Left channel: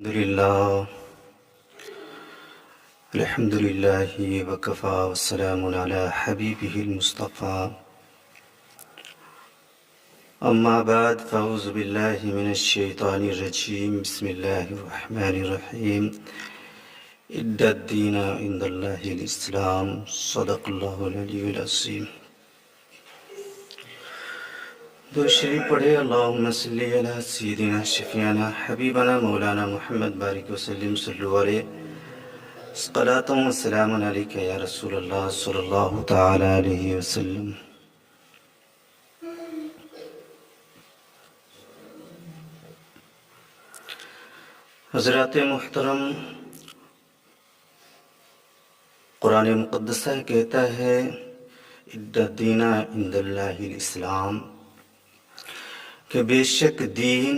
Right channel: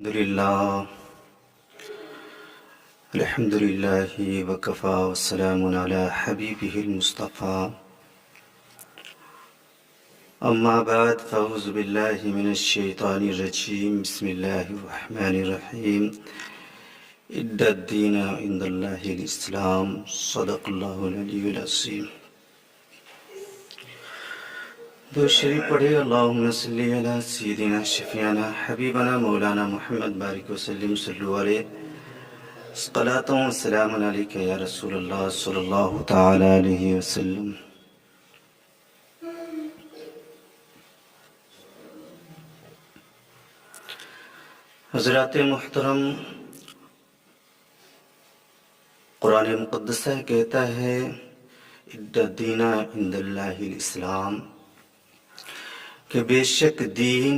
الحمد لله وكفى والسلام على حبيبه المصطفى أما بعد فأعوذ بالله من الشيطان الرجيم بسم الله الرحمن الرحيم إن الدين عند الله الإسلام صدق الله العلي العظيم. دو شریف پڑھے اللہم صلی علی سیدنا شفیعنا حبیبنا مولانا محمد بارک وسلم صلو علیہ صلاۃ و سلام علیک یا رسول اللہ صلی اللہ تعالی علیہ وسلم. حضرات محترم، قرآن مقدسہ کہتا ہے ان الدین عند اللہ الاسلام، کہ بے شک دین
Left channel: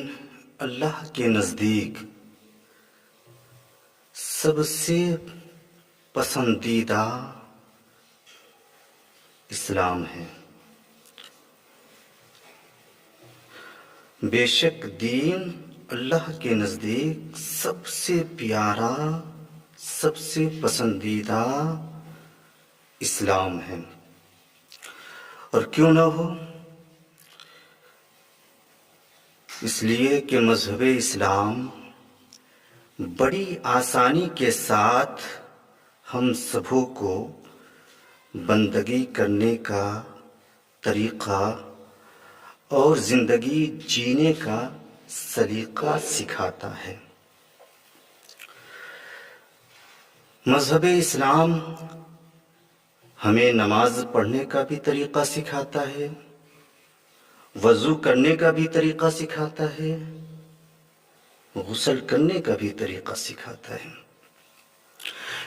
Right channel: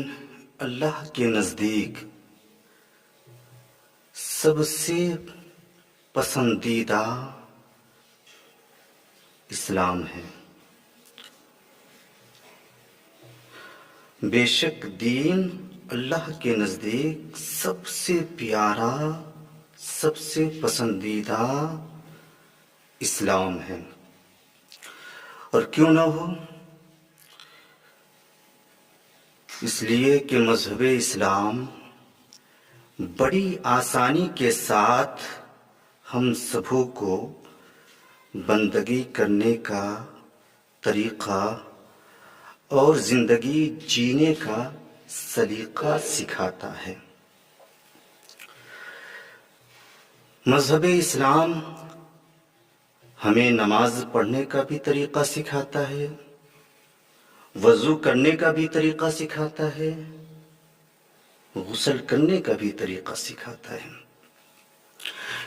اللہ کے نزدیک سب سے پسندیدہ اسلام ہے. بے شک دین اللہ کے نزدیک سب سے پیارا، سب سے پسندیدہ اسلام ہے. اور کیوں نہ ہو؟ اس لیے کہ مذہب اسلام بڑی آسانی کے ساتھ ہم سبوں کو بندگی کرنے کا طریقہ اور زندگی جینے کا سلیقہ سکھاتا ہے. مذہب اسلام ہمیں نماز پڑھنے کا بھی طریقہ سکھاتا ہے، وضو کرنے کا بھی طریقہ سکھاتا ہے، غسل کرنے کا بھی طریقہ سکھاتا ہے.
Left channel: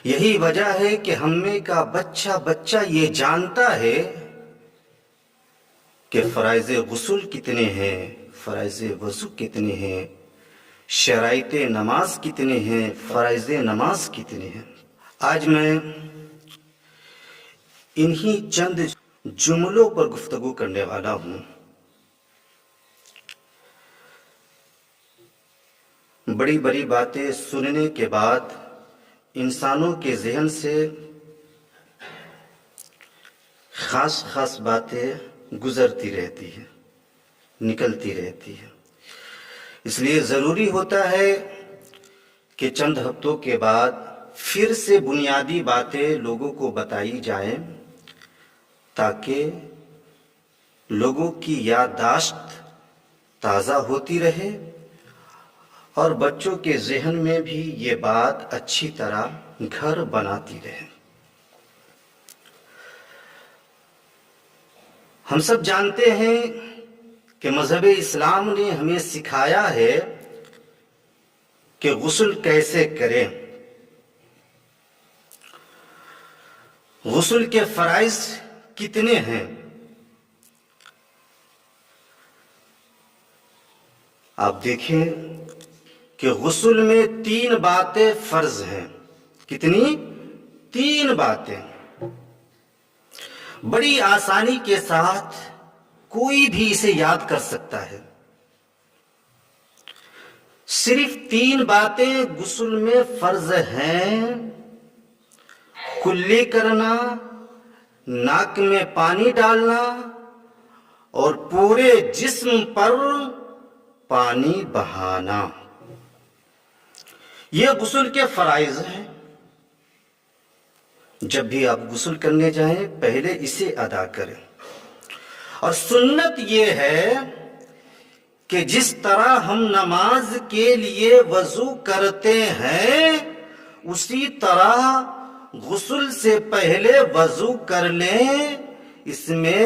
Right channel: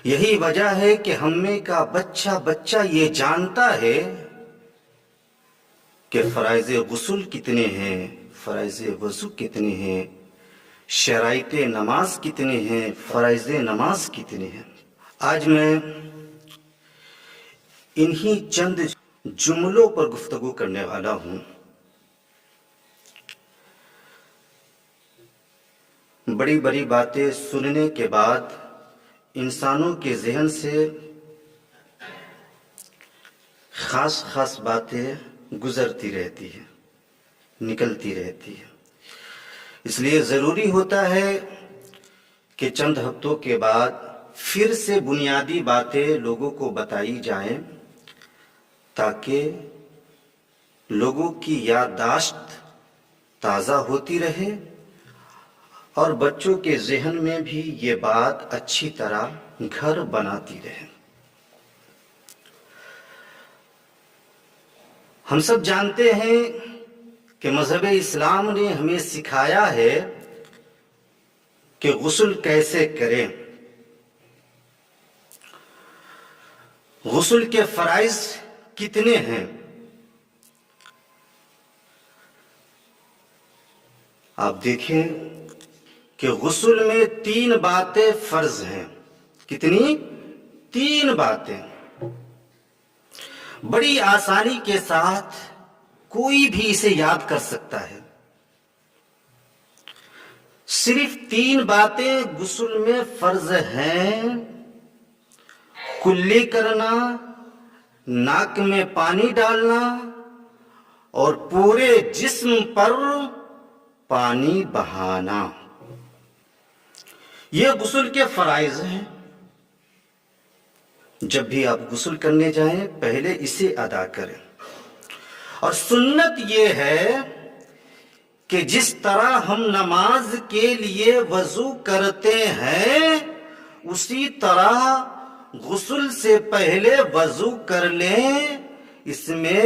یہی وجہ ہے کہ ہم میں کا بچہ یہ جانتا ہے کہ فرائض غسل کتنے ہیں، فرائض وضو کتنے ہیں، شرائط نماز کتنے ہیں، فرائض نماز کتنے ہیں. آج میں انہی چند جملوں پر گفتگو کرنے والا ہوں. بڑی بڑی باتیں سننے کے بعد انسانوں کے ذہن سے خاص باتیں گزرتی رہتی ہیں، نکلتی رہتی ہیں. اس لیے ضروری ہوتا ہے کہ چند ہفتوں کے بعد پھر سے بنیادی باتیں لوگوں کو بتائی جائیں، تاکہ لوگوں کی یادداشت تازہ ہوتی رہے اور بچوں کے ذہن میں بھی یہ بات اچھی طرح گھر بناتی رہے. ہم سب جانتے ہیں کہ مذہب اسلام نے ہمیں سکھایا ہے کہ غسل کیسے کریں. غسل کے فرائض کتنے ہیں؟ آپ دیکھیں کہ غسل میں 3 باتیں فرض ہیں. کتنی؟ 3 باتیں. بڑی آسانی کے ساتھ کوئی بھی اسے یاد کر سکتا ہے. صرف 3 باتیں غسل میں فرض ہیں: کلی کرنا، ناک میں پانی ڈالنا اور پورے جسم پر پانی بہانا. یہ غسل کے فرائض ہیں. جب بھی آپ غسل کرنے جائیں پہلے اسے ادا کریں. اور سنت یہ ہے کہ جس طرح ہم نماز کے لیے وضو کرتے ہیں اسی طرح غسل سے پہلے وضو کر لیں. اس میں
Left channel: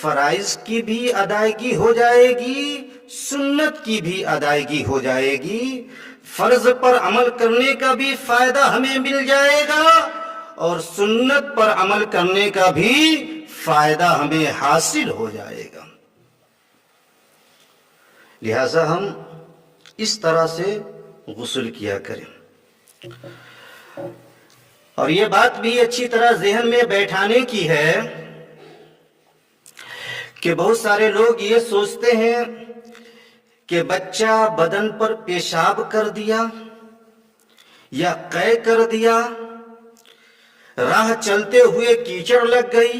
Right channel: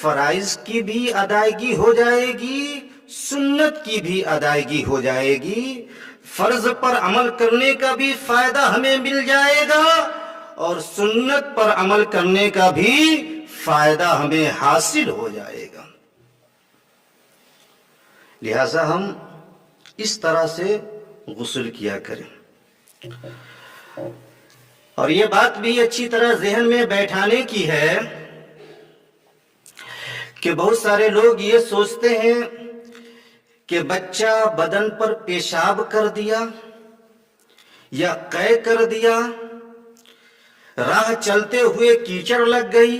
فرائض کی بھی ادائیگی ہو جائے گی، سنت کی بھی ادائیگی ہو جائے گی. فرض پر عمل کرنے کا بھی فائدہ ہمیں مل جائے گا اور سنت پر عمل کرنے کا بھی فائدہ ہمیں حاصل ہو جائے گا. لہذا ہم اس طرح سے غسل کیا کریں. اور یہ بات بھی اچھی طرح ذہن میں بیٹھانے کی ہے کہ بہت سارے لوگ یہ سوچتے ہیں کہ بچہ بدن پر پیشاب کر دیا یا قے کر دیا، راہ چلتے ہوئے کیچڑ لگ گئی،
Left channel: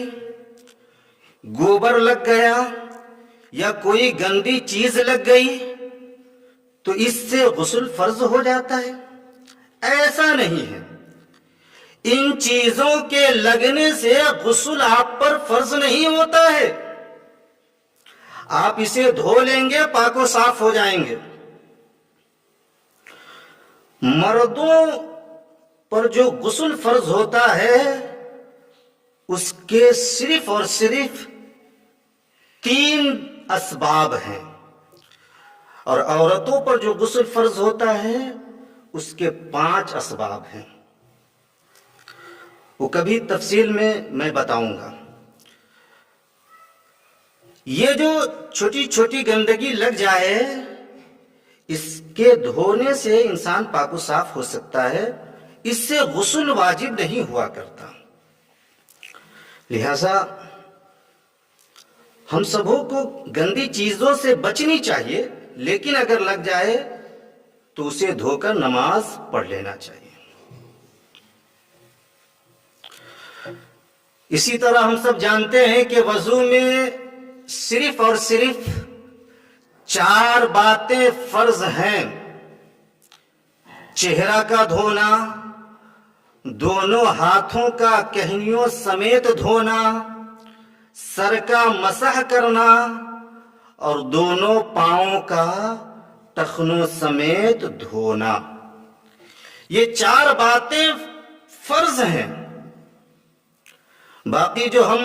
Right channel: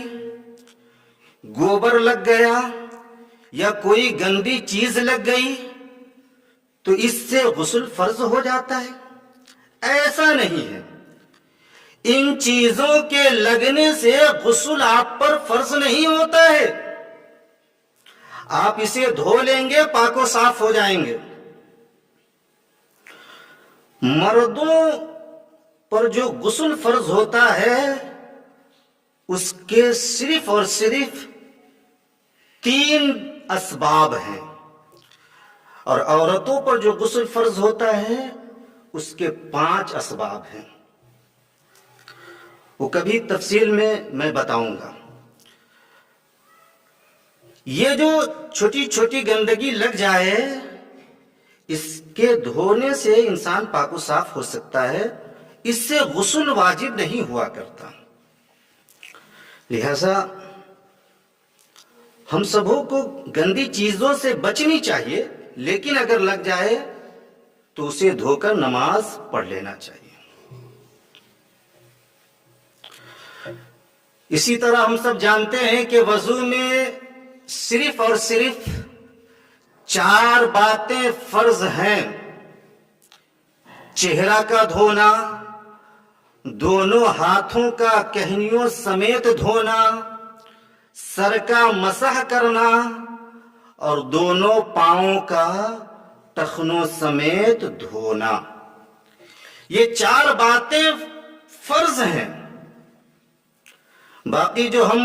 گوبر لگ گیا، یا کوئی گندی چیز لگ گئی تو اس سے غسل فرض ہو جاتا ہے؟ ایسا نہیں ہے۔ ان چیزوں کے لگنے سے غسل آپ پر فرض نہیں ہوتا ہے۔ آپ اسے دھو لیں گے، پاک و صاف ہو جائیں گے۔ مردوں پر جو غسل فرض ہوتا ہے اس کے صرف اور صرف 3 اسباب ہیں، اور عورتوں پر جو غسل فرض ہوتا ہے اس کے 5 اسباب ہیں۔ وہ کبھی تفصیل میں بتاؤں گا۔ یہ جو چھوٹی چھوٹی گندگی لگ جائے اس کے دھونے سے انسان پاک و صاف ہو سکتا ہے، اس سے غسل واجب نہیں ہوا کرتا۔ لہذا ہم سبوں کو گندی چیزوں سے بچنی چاہیے، لیکن اگر لگ جائے تو اسے دھو کر نماز پڑھ لینا چاہیے۔ اسی طرح ہم سب جانتے ہیں کہ وضو میں صرف اور صرف 4 باتیں فرض ہیں: چہرہ کا دھونا، دونوں ہاتھوں کا کہنیوں سمیت دھونا، سر کا مسح کرنا، اور دونوں پاؤں کا ٹخنوں سمیت دھونا۔ یہ 4 باتیں فرض ہیں۔ باقی جو ہم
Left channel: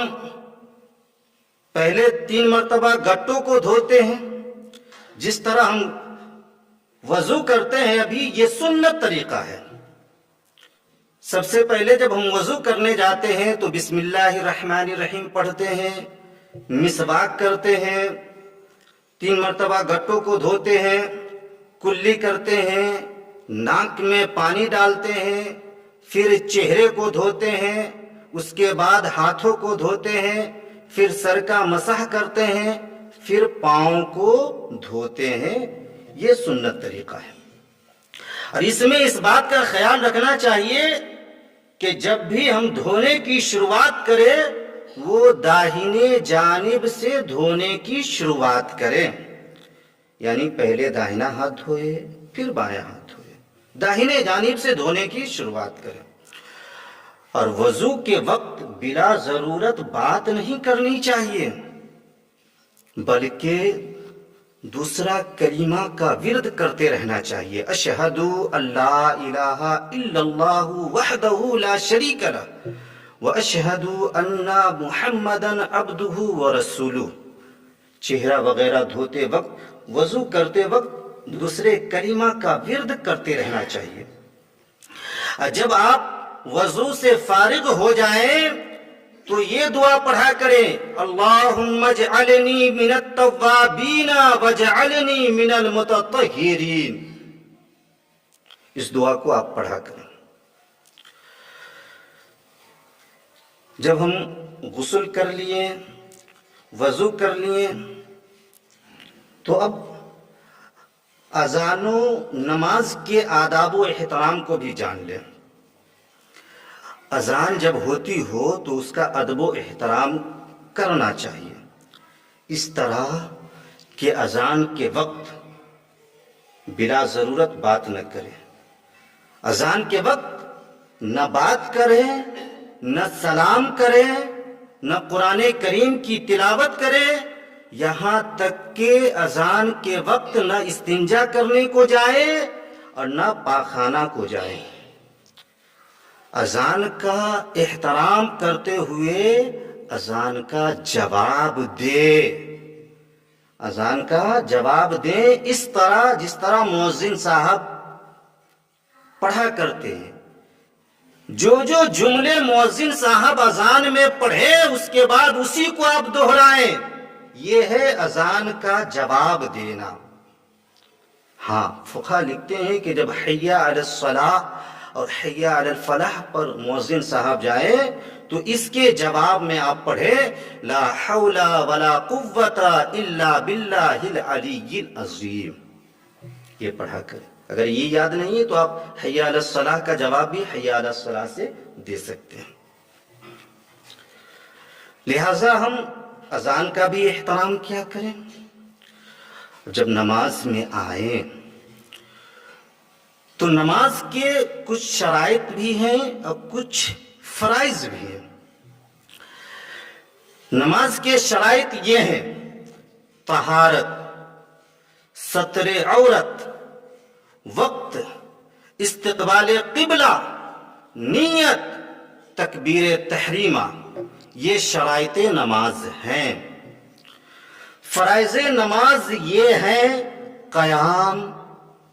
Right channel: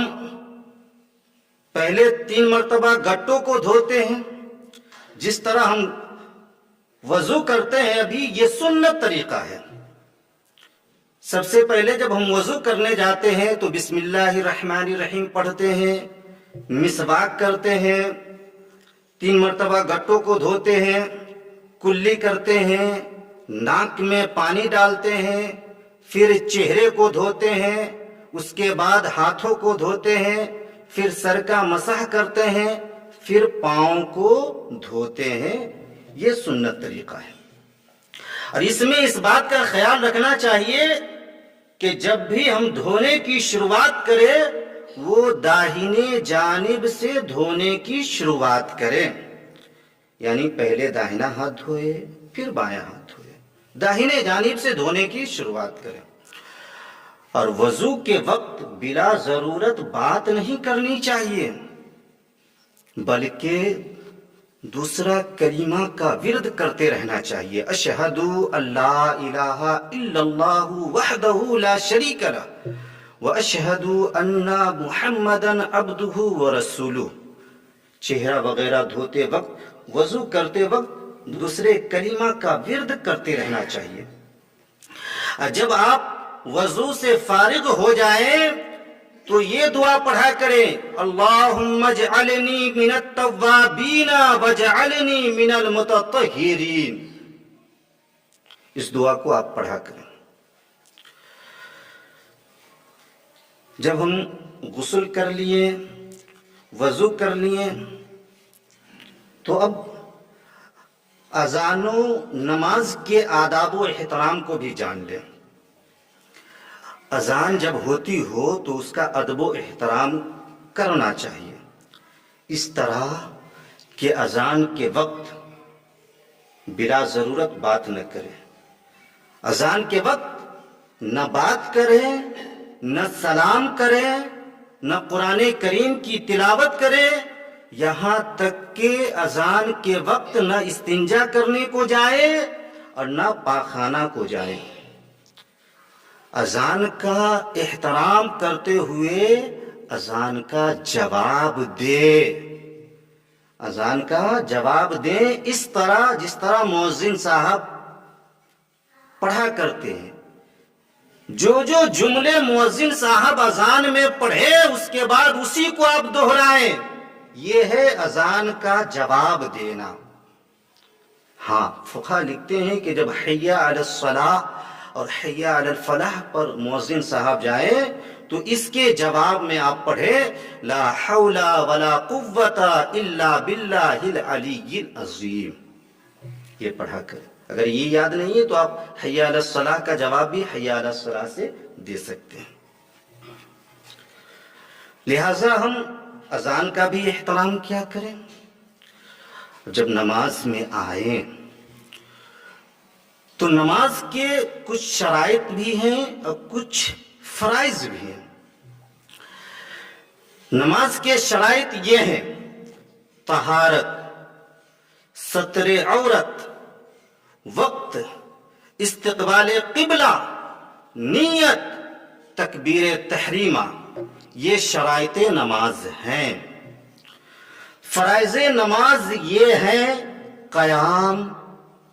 پہلے 3 مرتبہ گٹوں کو دھوتے ہیں، جس طرح ہم وضو کرتے ہیں ابھی، یہ سنت طریقہ ہے۔ سب سے پہلے جب ہم وضو کرنے جاتے ہیں تو بسم اللہ الرحمن الرحیم پڑھتے ہیں، مسواک کرتے ہیں، 3 مرتبہ گٹوں کو دھوتے ہیں، کلی کرتے ہیں، ناک میں پانی ڈالتے ہیں، پھر چہرے کو دھوتے ہیں، اس کے بعد ہاتھوں کو دھوتے ہیں، پھر سر کا مسح کرتے ہیں، پھر پاؤں کو دھوتے ہیں۔ یہ سنت طریقہ ہے۔ اور اس میں اس بات کا خیال رکھنا چاہیے کہ جب بھی ہم دھونے کی شروعات کریں وہ داہنے جانب سے دھونے کی شروعات کریں، یعنی پہلے داہنا ہاتھ دھوئے پھر بایاں ہاتھ دھوئے، داہنے جانب سے دھونے کی شروعات کریں۔ اور وضو کے وقت بلا ضرورت بات نہیں کرنی چاہیے، بلکہ دوسرا کلمہ کا ورد کرتے رہنا چاہیے: اشہد اللہ الہ الا اللہ وحدہ لا شریک لہ واشہد ان محمدا عبدہ ورسولہ۔ چہرہ وغیرہ دھوتے وقت، وضو کرتے وقت دوسرے کلمہ کا ورد کرتے رہنا چاہیے۔ جب آپ وضو سے فارغ ہو جائیں تو یہ دعا پڑھا کریں: اللہم اجعلنی من التوابین واجعلنی من المتطہرین۔ اس دعا کو آپ پڑھا کریں۔ جب ہم غسل کر لیے، وضو کر لیے، تو اب اذان و نماز کے آداب و احترام کو بھی جان لیں۔ اذان جب ہوتی ہو تو اس کا ادب و احترام کرنا چاہیے، اس طرح کہ اذان کے وقت بلا ضرورت بات نہ کرے۔ اذان کے وقت نہ بات کرے، نہ سلام کرے، نہ قرآن کریم کی تلاوت کرے، یہاں تک کہ اذان کے وقت نہ استنجا کرنے کو جائے اور نہ پاخانہ کو جائے۔ اذان کا احترام کرتے ہوئے اذان کا جواب دے، اذان کا جواب دیں اس طرح جس طرح مؤذن صاحب پڑھا کرتے ہیں۔ جو جملے مؤذن صاحب اذان میں پڑھے اس کے بعد اسی کو آپ دہرائیں، یہ ہے اذان کا جواب دینا۔ ہاں، فقہا لکھتے ہیں کہ جب حی علی الصلاۃ اور حی علی الفلاح پر مؤذن صاحب جائے تو اس کے جواب میں آپ پڑھے: لا حول ولا قوت الا باللہ العلی العظیم۔ یہ پڑھا کریں۔ اگر یہ یاد نہیں ہے تو آپ حی علی الصلاح کا جواب بھی حی علی الصلاح سے دے سکتے ہیں. لہذا ہم اذان کا بھی احترام کیا کریں. جب نماز میں آئیں تو نماز کے کچھ شرائط بھی ہیں اور کچھ فرائض بھی ہیں. نماز کے شرائط یہ ہیں: طہارت، ستر عورت، وقت، استقبال قبلہ، نیت، تکبیر تحریمہ. یہ شرائط نماز ہیں. فرائض نماز یہ ہیں: قیام،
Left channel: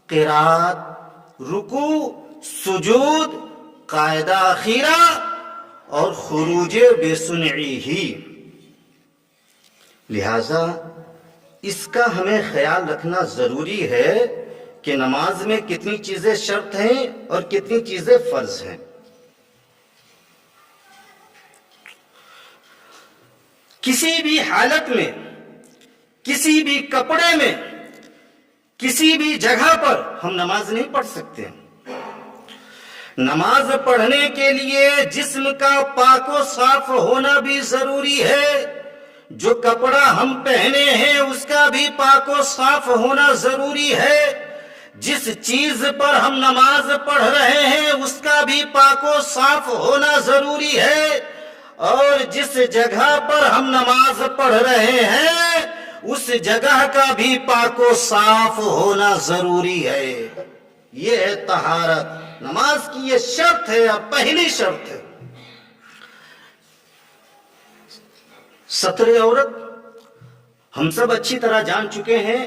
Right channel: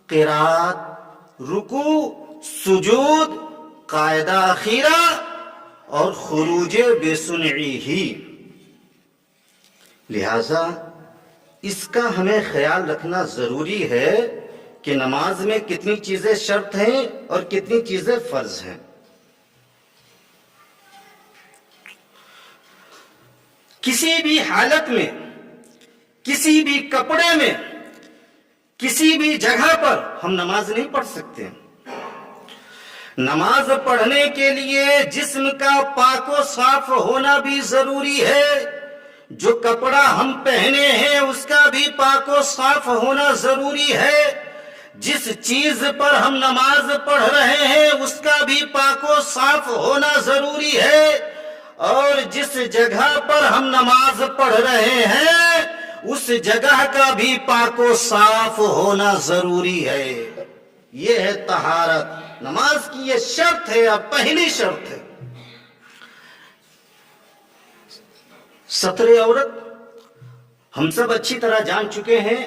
قرات، رکوع، سجود، قاعدہ اخیرہ اور خروج بے سنعی ہی. لہذا اس کا ہمیں خیال رکھنا ضروری ہے کہ نماز میں کتنی چیزیں شرط ہیں اور کتنی چیزیں فرض ہیں. کسی بھی حالت میں، کسی بھی کپڑے میں، کسی بھی جگہ پر ہم نماز نہیں پڑھ سکتے. نماز پڑھنے کے لیے جسم کا پاک و صاف ہونا بھی ضروری ہے. جو کپڑا ہم پہنے ہیں اس کا بھی پاک و صاف ہونا ضروری ہے. جس چیز پر ہم نماز پڑھ رہے ہیں اس کا بھی پاک و صاف ہونا ضروری ہے. اور جس جگہ پر ہم نماز پڑھ رہے ہیں اس جگہ کا بھی پاک و صاف ہونا ضروری ہے. یہ ہے طہارت. نماز کی یہ شرط ہے، اب پہلی شرط ہے. ستر عورت، ہم سب اچھی طرح جان چکے ہیں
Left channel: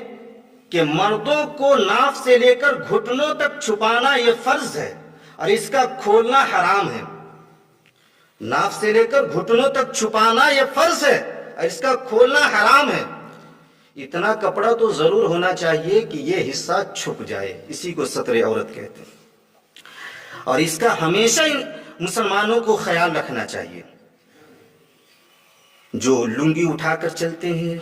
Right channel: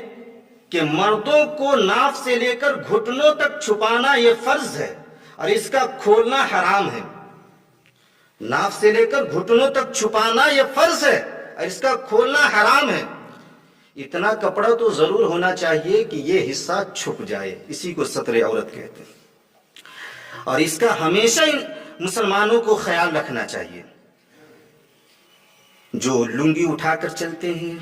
کہ مردوں کو ناف سے لے کر گھٹنوں تک چھپانا یہ فرض ہے اور اس کا کھولنا حرام ہے. ناف سے لے کر گھٹنوں تک چھپانا یہ فرض ہے اور اس کا کھولنا حرام ہے. اتنا کپڑا تو ضرور ہونا چاہیے کہ یہ حصہ چھپ جائے، اسی کو ستر عورت کہتے ہیں. اور اس کا ہمیشہ مسلمانوں کو خیال رکھنا چاہیے. جو لنگی اٹھا کر چلتے ہیں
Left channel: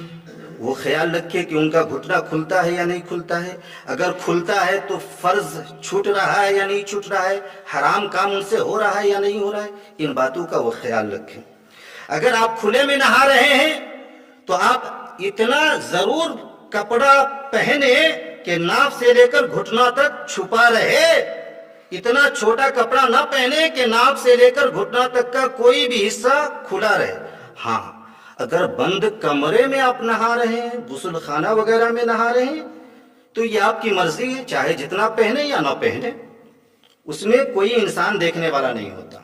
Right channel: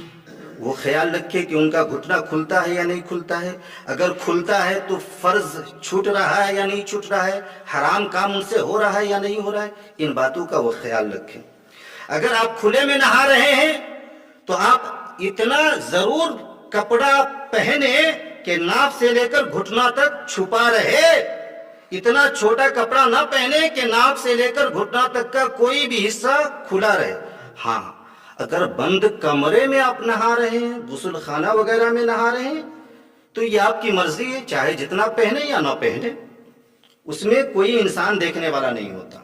وہ خیال رکھے کہ ان کا گھٹنا کھلتا ہے یا نہیں کھلتا ہے. اگر کھلتا ہے تو فرض چھوٹ رہا ہے یا نہیں چھوٹ رہا ہے، حرام کام ان سے ہو رہا ہے یا نہیں ہو رہا ہے. ان باتوں کا وہ خیال رکھیں. اگر آپ کھلے میں نہا رہے ہیں تو آپ اتنا ضرور کپڑا پہنے کہ ناف سے لے کر گھٹنا تک چھپا رہے. اتنا چھوٹا کپڑا نہ پہنے کہ ناف سے لے کر گھٹنا تک کا کوئی بھی حصہ کھلا رہے. ہاں، اگر بند کمرے میں آپ نہا رہے ہیں، غسل خانہ وغیرہ میں نہا رہے ہیں تو یہ آپ کی مرضی ہے، چاہے جتنا پہنے یا نہ پہنے، اس میں کوئی انسان دیکھنے والا نہیں ہوتا.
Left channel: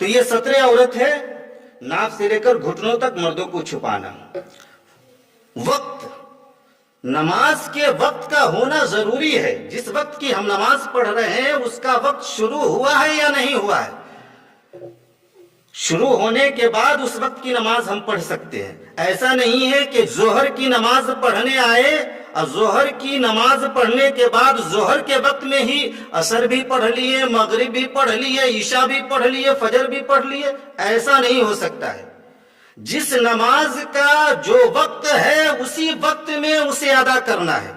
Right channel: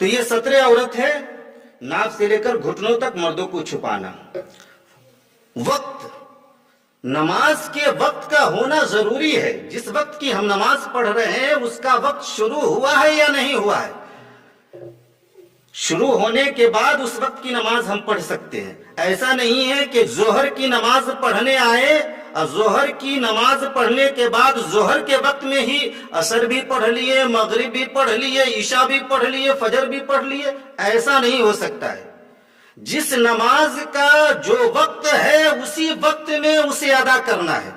تو یہ ستر عورت ہے، ناف سے لے کر گھٹنوں تک مردوں کو چھپانا. وقت، نماز کے وقت کا ہونا ضروری ہے. جس وقت کی ہم نماز پڑھ رہے ہیں اس کا وقت شروع ہوا ہے یا نہیں ہوا ہے. شروع ہونے کے بعد اس وقت کی نماز ہم پڑھ سکتے ہیں. ایسا نہیں ہے کہ ظہر کی نماز پڑھنے آئے اور ظہر کی نماز پڑھنے کے بعد ظہر کے وقت میں ہی عصر بھی پڑھ لیے، مغرب بھی پڑھ لیے، عشاء بھی پڑھ لیے، فجر بھی پڑھ لیے. ایسا نہیں ہو سکتا ہے. جس نماز کا جو وقت ہے اسی وقت میں اسے ادا کرنا ہے.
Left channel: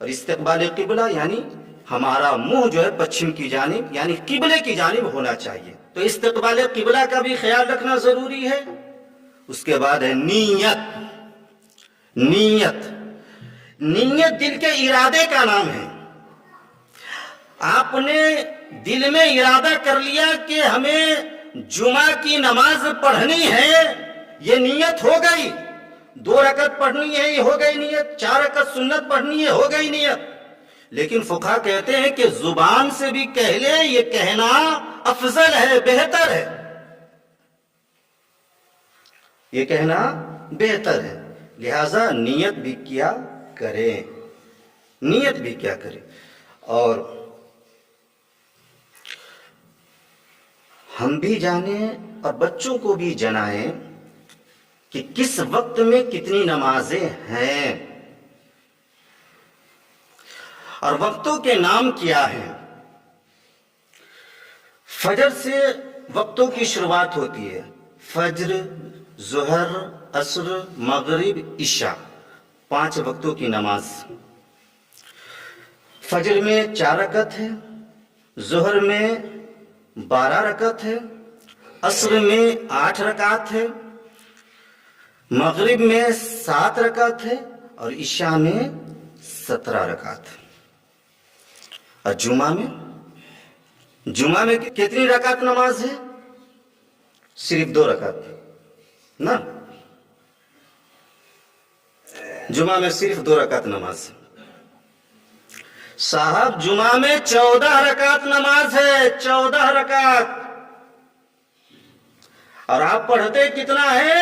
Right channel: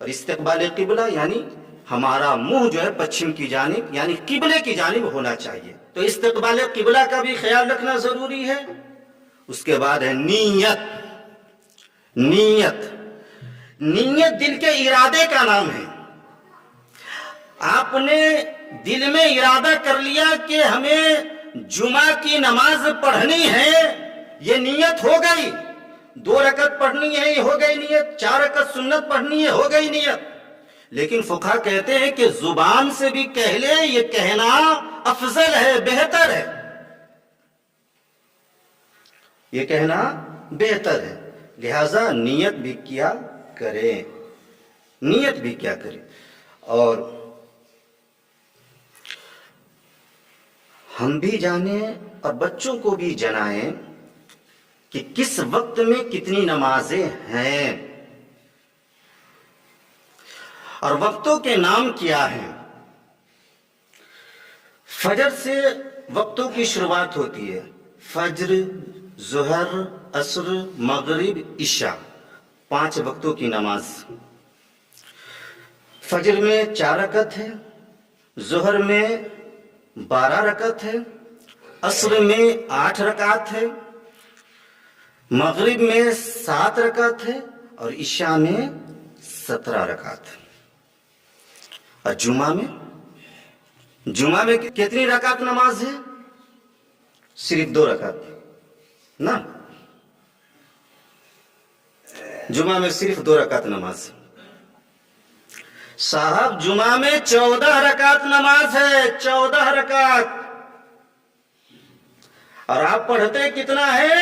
اور استقبال قبلہ یعنی ہمارا منہ جو ہے پچھم کی جانب یعنی قبلے کی جانب ہونا چاہیے. تو استقبال قبلہ کا بھی خیال رکھنا ضروری ہے. اس کے بعد ہے نیت. نیت نیت دل کے ارادے کا نام ہے. آپ نے دل میں ارادہ کر لیا کہ ہمیں جمعہ کی نماز پڑھنی ہے، یہ نیت ہو گئی. 2 رکعت پڑھنی ہے، یہ ہو گئی نیت. 4 رکعت سنت پڑھنی ہے، ہو گئی نیت. لیکن فقہا کہتے ہیں کہ زبان سے بھی کہہ لے، یہ کہنا افضل ہے، بہتر ہے. یہ کہنا بہتر ہے. لہذا نیت بھی کیا کریں، نیت بھی کیا کریں. اور ہم بھی جانیں اور بچوں کو بھی جنائیں کہ کس وقت میں کتنی نمازیں ہیں اور وقتوں کے نام کیا ہیں. فجر سے وقتوں کی شروعات ہوتی ہے. فجر، ظہر، عصر، مغرب، عشاء، 5 وقتوں کی نماز. فجر میں 4 رکعت ہے، ظہر میں 12 رکعت ہے، عصر میں 8 رکعت ہے، مغرب میں 7 رکعت ہے اور عشاء میں 17 رکعت ہے۔ اور جمعہ میں کتنی رکعت نماز ہے؟ صرف 2 رکعت نا، جمعہ میں صرف 2 رکعت نماز ہے۔ صاحب جمعہ میں 14 رکعت نماز ہے، 14 رکعت، اور آپ پڑھتے کتنا ہے؟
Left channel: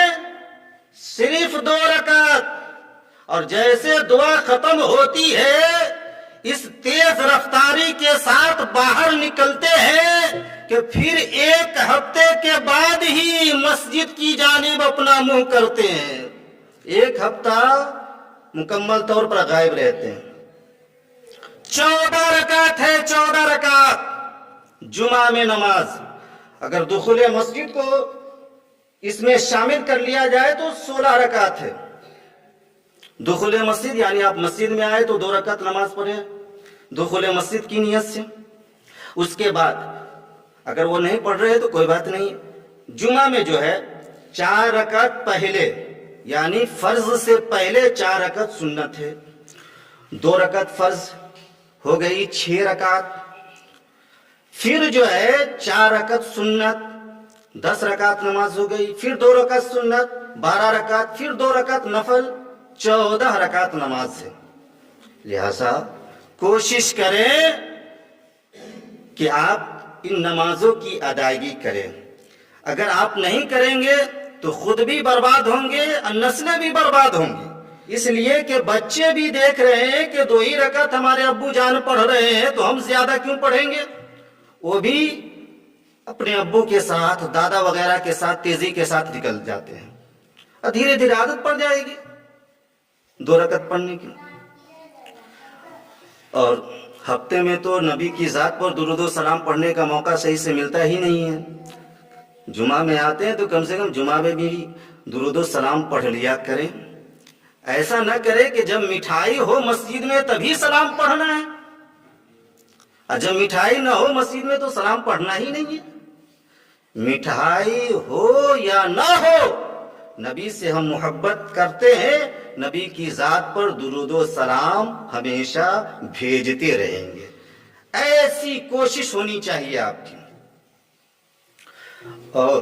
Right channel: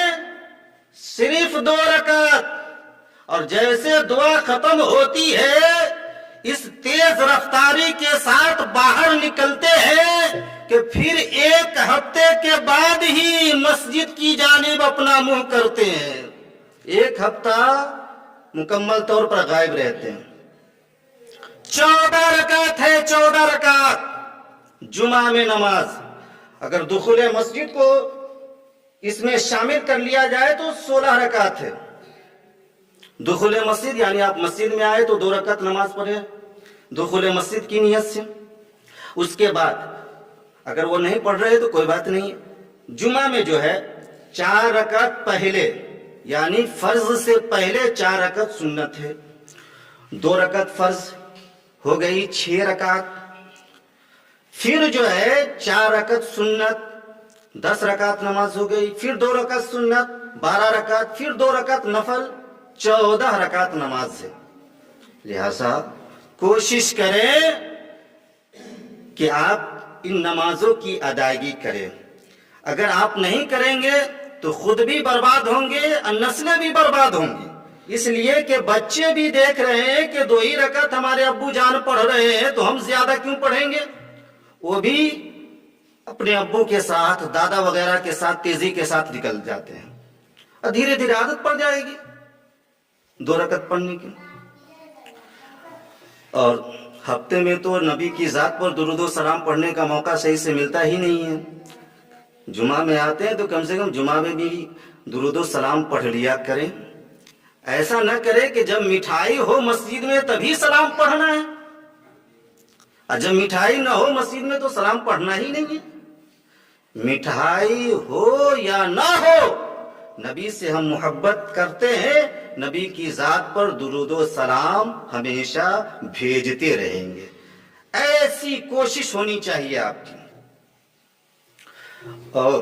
صرف 2 رکعت۔ اور جیسے دعا ختم ہوتی ہے اس تیز رفتاری کے ساتھ باہر نکلتے ہیں کہ پھر 1 ہفتے کے بعد ہی مسجد کی جانب اپنا منہ کرتے ہیں۔ 1 ہفتہ مکمل طور پر غائب رہتے ہیں۔ 14 رکعت ہے، 14 رکعت جمعہ میں نماز۔ اگر دخول مسجد کو اس میں شامل کر لیا جائے تو 16 رکعت ہے۔ دخول مسجد یعنی آپ مسجد میں آئے تو 2 رکعت نماز پڑھے دخول مسجد کی نیت سے۔ اس کے بعد اگر وہ نہیں پڑھ رہے تو کوئی بات نہیں، جمعہ میں جو ہے 4 رکعت پہلے یعنی فرض سے پہلے 4 رکعت سنت ہے، 2 رکعت فرض ہو گئی 6 رکعت، پھر جو ہے 4 رکعت سنت 10 رکعت نماز ہو گئی، پھر 2 رکعت سنت 12 رکعت، پھر 2 رکعت نفل 14 رکعت نماز ہے۔ لہذا کوشش کریں کہ آپ ان نمازوں کی ادائیگی کریں۔ اگر آپ نہیں کریں گے تو خود بھی برباد ہوں گے اور نسلیں بھی برباد ہوں گی، اس لیے کہ بچے بھی دیکھ رہے ہیں کہ 2 ہی رکعت ہمارے ابو جان پڑھ رہے ہیں تو ہم زیادہ کیوں پڑھیں گے۔ وہ بھی اپنے ابو کے ساتھ، دادا وغیرہ کے ساتھ تیزی کے ساتھ نکل جاتے ہیں اور دھیرے دھیرے عادت پڑ جائے گی 2 رکعت پڑھنے کی۔ اور ہفتے میں تو نبی کی ذات پر درود و سلام پڑھنے کا موقع صحیح سے ملتا ہی نہیں ہے۔ جمعہ میں آتے ہیں تو کم سے کم جمعہ میں بھی درود و سلام پڑھ لیا کریں۔ ایسا نہ کرے کہ جب مٹھائی ہو مسجد میں تبھی سلام پڑھنا ہے، اور جب مٹھائی نہ ہو مسجد میں تو سلام پڑھنا ہی نہیں ہے۔ مٹھائی ہو یا نہ ہو نبی سے ہم محبت کرتے ہیں، نبی کی ذات پر درود و سلام ہمیشہ بھیجتے رہیں گے۔ ایسی کوشش ہونی چاہیے آپ کی۔ اور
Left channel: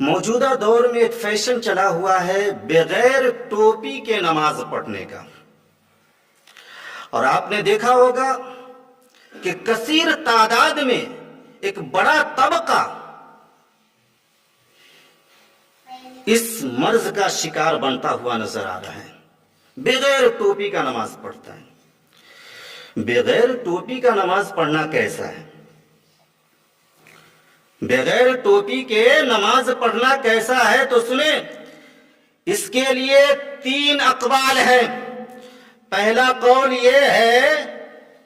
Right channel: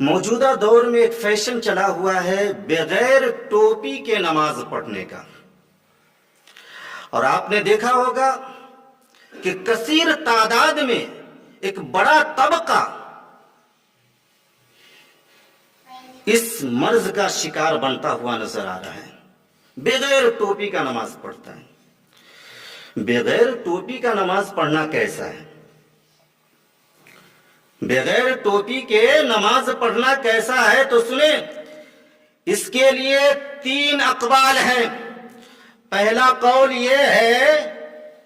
موجودہ دور میں ایک فیشن چلا ہوا ہے بغیر ٹوپی کے نماز پڑھنے کا، اور آپ نے دیکھا ہوگا کہ کثیر تعداد میں ایک بڑا طبقہ اس مرض کا شکار بنتا ہوا نظر آ رہا ہے، بغیر ٹوپی کا نماز پڑھتا ہے۔ بغیر ٹوپی کا نماز پڑھنا کیسا ہے؟ بغیر ٹوپی کے نماز پڑھنا کیسا ہے تو سنیں، اس کے لیے 3 اقوال ہیں۔ پہلا قول یہ ہے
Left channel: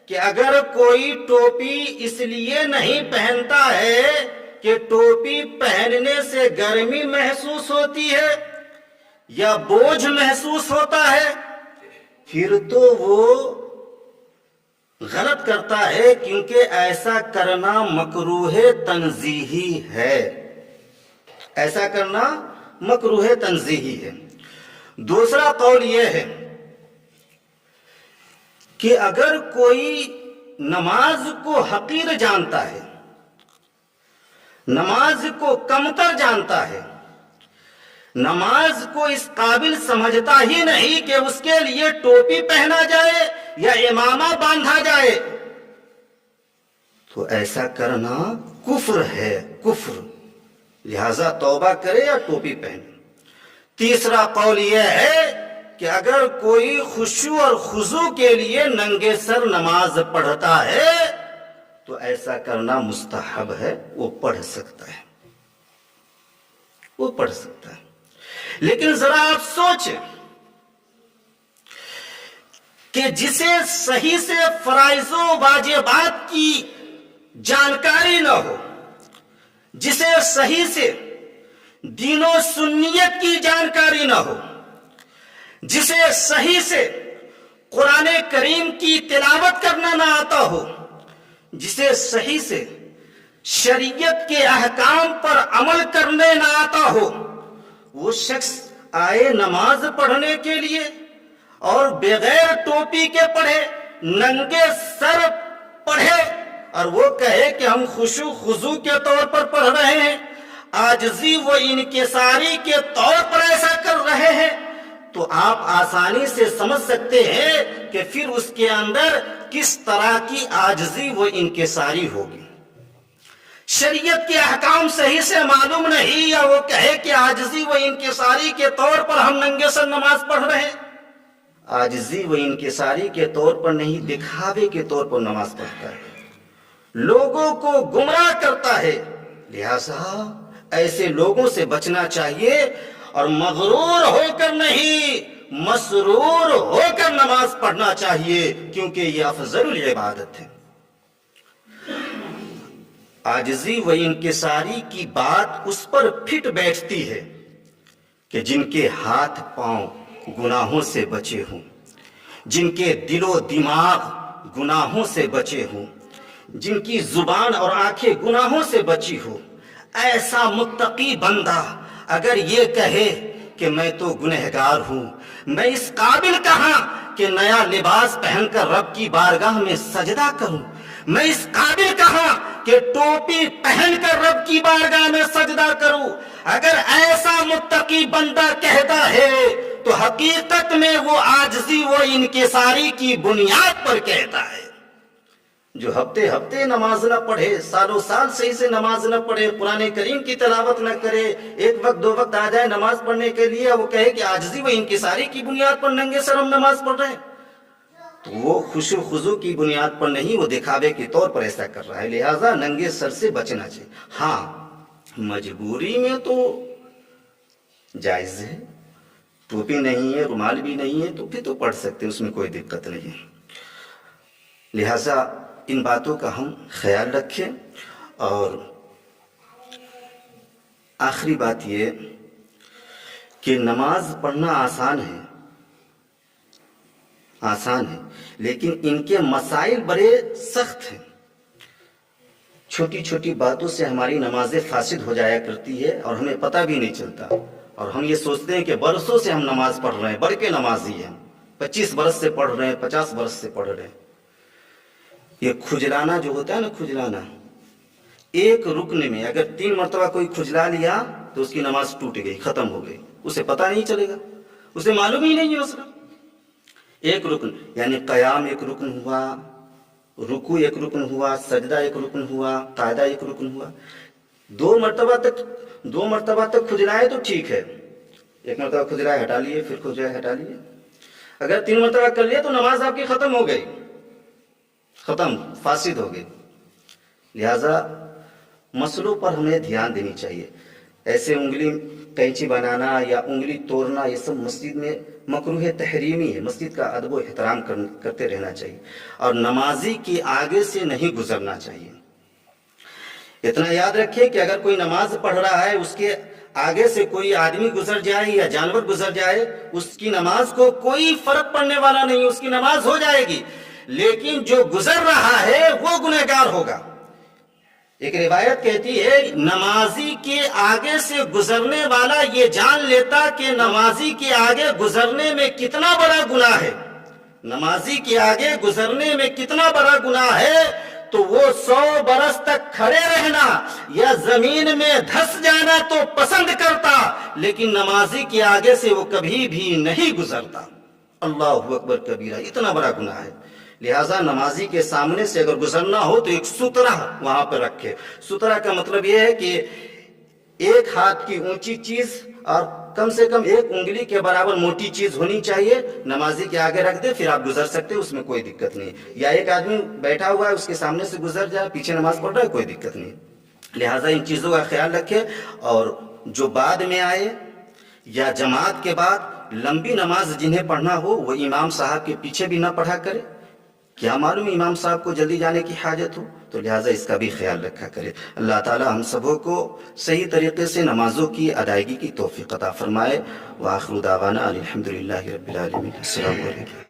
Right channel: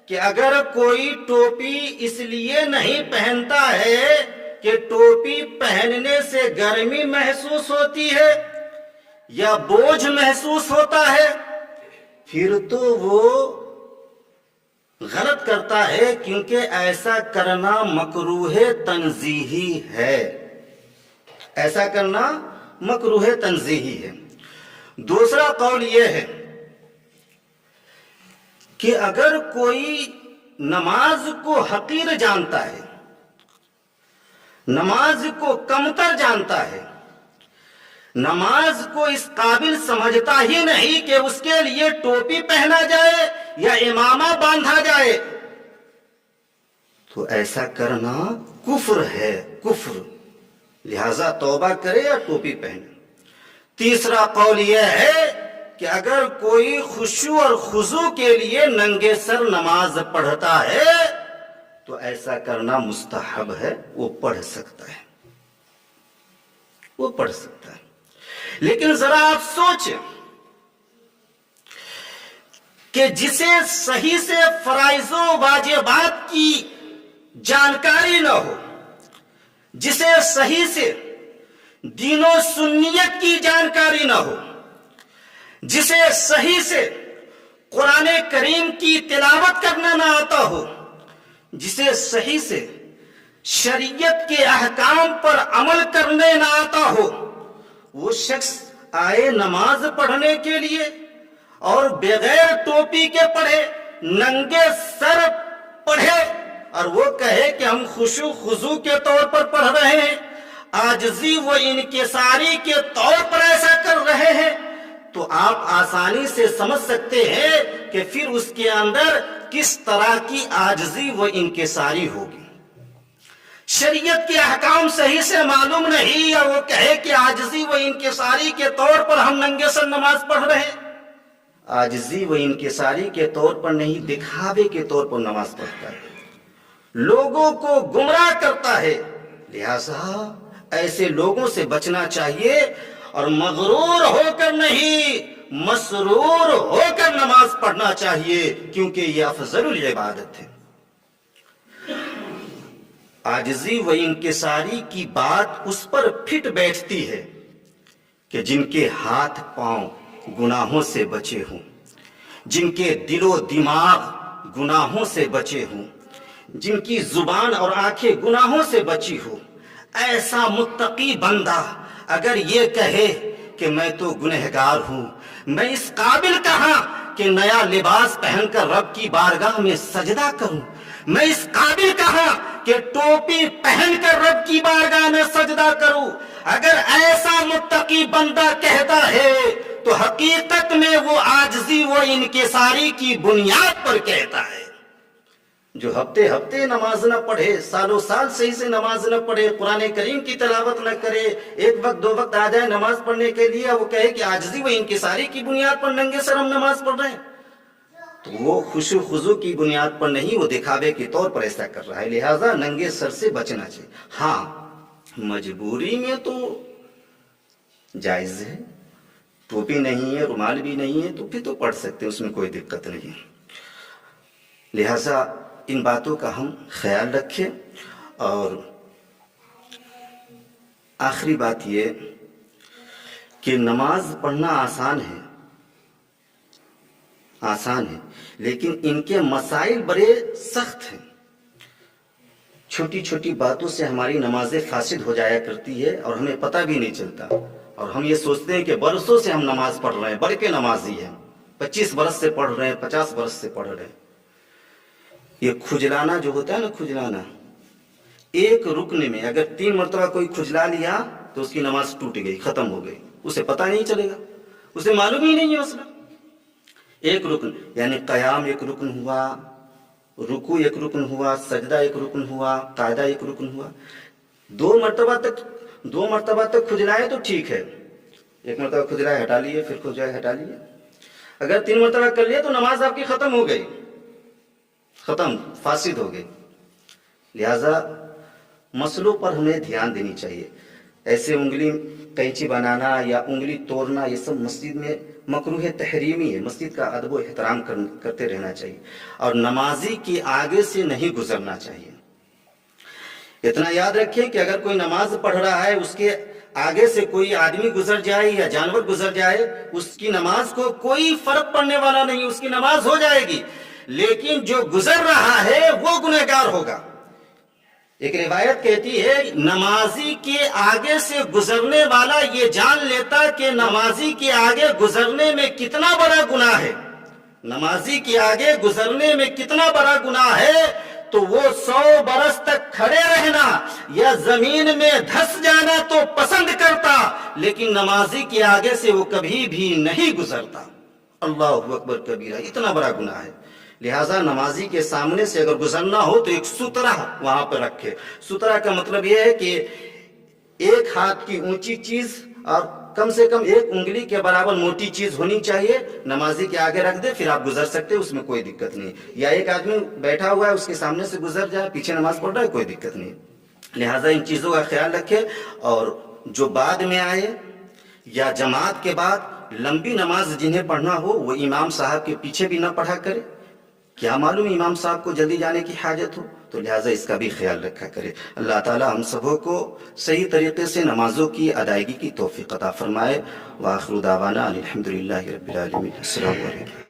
کہ اگر کوئی ٹوپی اس لیے نہیں پہنتا ہے کہ ٹوپی پہننے سے گرمی محسوس ہوتی ہے یا بوجھ محسوس ہوتا ہے، پھر تو وہ غلط کرتا ہے، کیونکہ ایسا کرنا مکروہ تنزیہی ہے۔ ایسا کرنا مکروہ تنزیہی ہے۔ دوسرا قول یہ ہے کہ اگر کوئی نماز کو حقیر جانتا ہے، نماز کو کمتر جانتا ہے، نماز کو اس قابل سمجھتا ہی نہیں کہ اس کے لیے ٹوپی پہنا جائے یا امامہ باندھا جائے، تو ایسا کرنا کفر ہے، کفر۔ لہذا توبہ کرے یا ٹوپی پہنے۔ تیسرا قول یہ ہے کہ اگر کوئی خشوع اور خضوع کے لیے ننگے سر نماز پڑھتا ہے تو ایسا کرنا مستحب ہے، وہ پڑھ سکتا ہے، وہ پڑھ سکتا ہے۔ لیکن ذرا آپ سوچیں کہ جسے صحیح سے فرائض و واجبات کی جانکاری نہ ہو، جسے صحیح سے دین و سنیت کی جانکاری نہ ہو، جسے صحیح سے قرآن کریم کی تلاوت کرنا نہ آتا ہو، جسے صحیح سے شریعت کے احکام پر عمل کرنے نہ آتا ہو، وہ شخص آئے نماز پڑھنے کے لیے اور بغیر ٹوپی کے پڑھے، ننگے سر پڑھے، اور وہ کہے کہ ہم خشوع خضوع کے طور پر پڑھ رہے ہیں، عاجزی و انکساری کے طور پر ایسا کر رہے ہیں، تو آپ آسانی سے سمجھ سکتے ہیں کہ پھر اس کے اندر کس طرح کی عاجزی و انکساری ہوگی۔ شریعت کے احکام صحیح سے معلوم نہیں، یا وہ کہے کہ عاجزی و انکساری کے طور پر ہم ننگے سر نماز پڑھ رہے ہیں۔ عاجزی و انکساری کے طور پر نہیں، دکھاوے کے طور پر نماز پڑھتا ہے، لوگوں کو گمراہ کرتا ہے۔ لہذا ایسے لوگوں سے بچنا چاہیے، اور مغرور ہو کر نہیں، مسرور ہو کر نماز پڑھنا چاہیے، کیونکہ یہ افضل العبادت ہے۔ عاجزی و انکساری کی بات اس پر پھٹ بیٹھتی ہے کہ جن کے ہاتھ پاؤں گناہوں سے بچے ہوں، جن کے دل و دماغ گناہوں سے بچے ہوں، جن کی زبان اور آنکھیں گناہوں سے بچی ہو، ایسا متقی بندہ اگر یہ کہے کہ میں تو گنہگار ہوں، میں اس قابل کہاں کہ نیا لباس پہن کر رب کی بارگاہ میں سجدہ کروں، میں اس قابل کہاں کہ ٹوپی پہن کر رب کی بارگاہ میں سجدہ کروں، اگر ایسا متقی بندہ کہتا ہے تو حقیقت میں وہ عاجزی و انکساری کی بنیاد پر کہتا ہے۔ جو ہفتے ہفتے نماز نہ پڑھے، سالوں سال صحیح سے نماز نہ پڑھے، قرآن کریم کی تلاوت نہ کرے، ایک وقت دو وقت آ جائے نماز پڑھنے کے لیے، وہ کہے کہ عاجزی و انکساری کی بنیاد پر ننگے سر ہم نماز پڑھ رہے ہیں، تو وہ خشوع خضوع کی بنیاد پر نہیں، وہ دکھاوے کے طور پر ایسا کر رہا ہے۔ لہٰذا ننگے سر سے بچنا چاہیے۔ ہاں، مجبوری میں تو جائز ہے، ٹوپی نہیں ہے، رومال بھی نہیں ہے، تو پھر تو پڑھ سکتے ہیں، اس میں کوئی دقت نہیں ہے۔ لہٰذا ان باتوں کا ہم خیال رکھیں۔ اور آخری بات یہ کہ نماز پڑھنا آسان ہے، لیکن ان کے مسائل بڑے سخت ہیں۔ چھوٹی چھوٹی باتوں سے ہماری نمازیں فاسد ہو جایا کرتی ہے اور ہمیں پتہ بھی نہیں چلتا، اور ہم یہ سوچتے ہیں کہ برسوں سے ہم نماز پڑھ رہے ہیں، بڑھ کے نمازی ہیں، 25 برس سے پڑھ رہے ہیں، 50 برس سے پڑھ رہے ہیں۔ یہ کھجلانا جو ہوتا ہے نا، کھجلانا، ایک رکن میں اگر 3 مرتبہ کوئی کھجلا لیا تو اس کی نماز ٹوٹ گئی، ختم ہو گئی، اسے پتہ نہیں چلے گا، اسے معلوم ہی نہیں ہے مسئلہ۔ ایک رکن یعنی قیام ایک رکن ہوا، رکوع ایک رکن ہوا، سجدہ ایک رکن ہوا، قاعدہ ایک رکن ہوا۔ 2 مرتبہ تک کھجلائے تو ٹھیک ہے، 1 مرتبہ کھجلائے ہٹا لیے، پھر کھجلائے ہٹا لیے۔ اگر 3 مرتبہ کر لیے تو نماز آپ کی ختم ہو گئی، ختم، فاسد ہو گئی۔ لہذا مسئلوں پر ہمیں دھیان دینی چاہیے۔ ایسے انگلی قینچی بنانا یا انگلی توڑنا، یہ سب مسجد میں مکروہ تحریمی ہے، مسجد کا ادب و احترام کرتے رہنا چاہیے، اور نمازی کے آگے سے نہیں گزرنا چاہیے۔ اتنا یاد رکھیں کہ اگر کوئی نماز پڑھ رہا ہے، اس کے آگے سے کوئی آدمی گزر جائے یا جانور گزر جائے، اس کی نماز کو کوئی فرق پڑنے والا نہیں، اس کی نماز ہو جائے گی، لیکن جو گزر رہا ہے وہ گنہگار ہوگا۔ ایک روایت کہتی ہے، نمازی کے آگے سے گزرنے والا یہ جان لیتا کہ نمازی کے آگے گزرنے میں کتنا بڑا گناہ ہے، نمازی کے آگے گزرنے میں کتنا بڑا گناہ ہے، تو وہ 100 برس تک کھڑے رہنا یا زمین میں دھس جانا تو پسند کرتا، لیکن نمازی کے آگے سے وہ کبھی بھی نہیں گزرتا۔ اللہ اکبر کبیرہ، اتنا بڑا گناہ ہے۔ لہٰذا نمازی کے سامنے سے اگر گزرنا ہو تو ایک سترہ وہاں پر رکھے۔ سترہ کا مطلب یہ ہے کہ 1 ہاتھ کی اونچی چیز اور کم سے کم 1 انگلی کے برابر موٹی چیز ہونی چاہیے، نمازی کے آگے رکھ دے، پھر آپ گزر سکتے، اس میں کوئی دقت نہیں۔ یا ایک آدمی بیٹھا ہوا ہے، اس کے سامنے سے گزر جائے، پیچھے نماز پڑھ رہا ہے، کوئی دقت نہیں۔ لہٰذا ان چیزوں کا خیال رکھے، اور جو بعد میں آئے یا جماعت کے بعد لمبی نماز جنہیں پڑھنا ہو، وہ امام صاحب کے پیچھے بھی نہ پڑھا کرے، کیا معلوم امام صاحب کو جلدی جانے کی حاجت ہو، تو لہٰذا اس کا بھی خیال رکھا کرے۔ اللہ تعالی ہم سبوں کو صحیح طریقے سے نمازوں کی ادائیگی کی توفیق عطا فرمائے۔ وآخر دعوانا الحمدللہ رب العالمین۔ السلام علیکم۔